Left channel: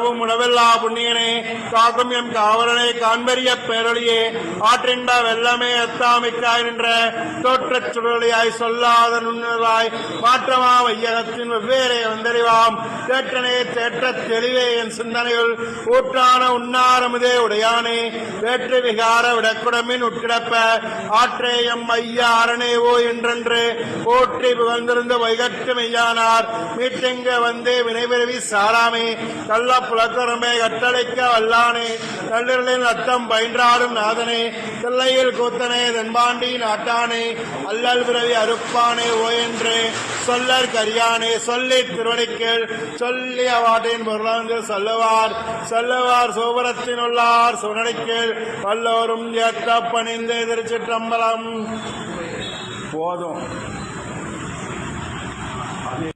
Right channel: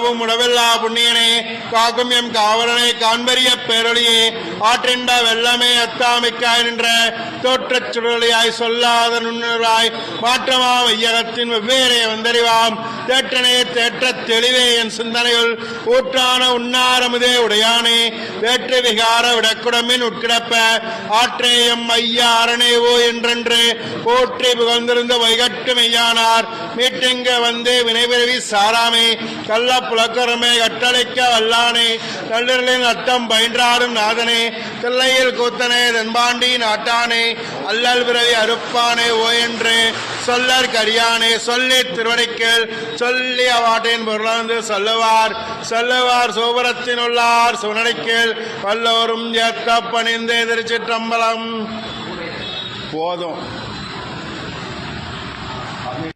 காணவும் உணவில்லா புண்ணியனே காக்கும் எம் காவலனை காண்பறிய பேரொழியே ஆற்றின்ப வெள்ளமே அத்தாமிக்காய் நின்ற தோற்றச் சுடொளியாய் சொல்லாத நுண்ணுராய் மாற்றமா வையகத்தின் வெவ்வேறே வந்தறிவாம் தேற்றனே தேற்றத் தெளிவே என் சிந்தனையுள் ஊற்றான உண்ணாரமுதே உடையானே வேற்று விகார விடக்குடமின் உட்கிடப்ப ஆற்றேயம் ஐயா அரணேவோ என்றென்று போற்றி புகழ்ந்திருந்த வைகட்டு மெய்யானார் மீட்டிங்க வந்தே வினைபிறவி சாராமே கள்ள புலக்கரமே கட்டளைக்க வல்லானே கல்லூரின் அத்தம் பயின்றாரும் நாதனே தில்லையில் கூத்தனே தென்பாண்டி நாட்டானே அல்லல் பிறவி அறுப்பானே ஓ என்று சொல்லற் கரியானே சொல்லி திருவடிக்கல் சொல்லி அவாட்டின் பொருளாந்து சொல்லுவார் சோபரத்தின் உள்ளார் சுனடிக்கல் வல்லோரும் ஏற்க பணிந்தே திருச்சிற்றம்பலம் போதும்.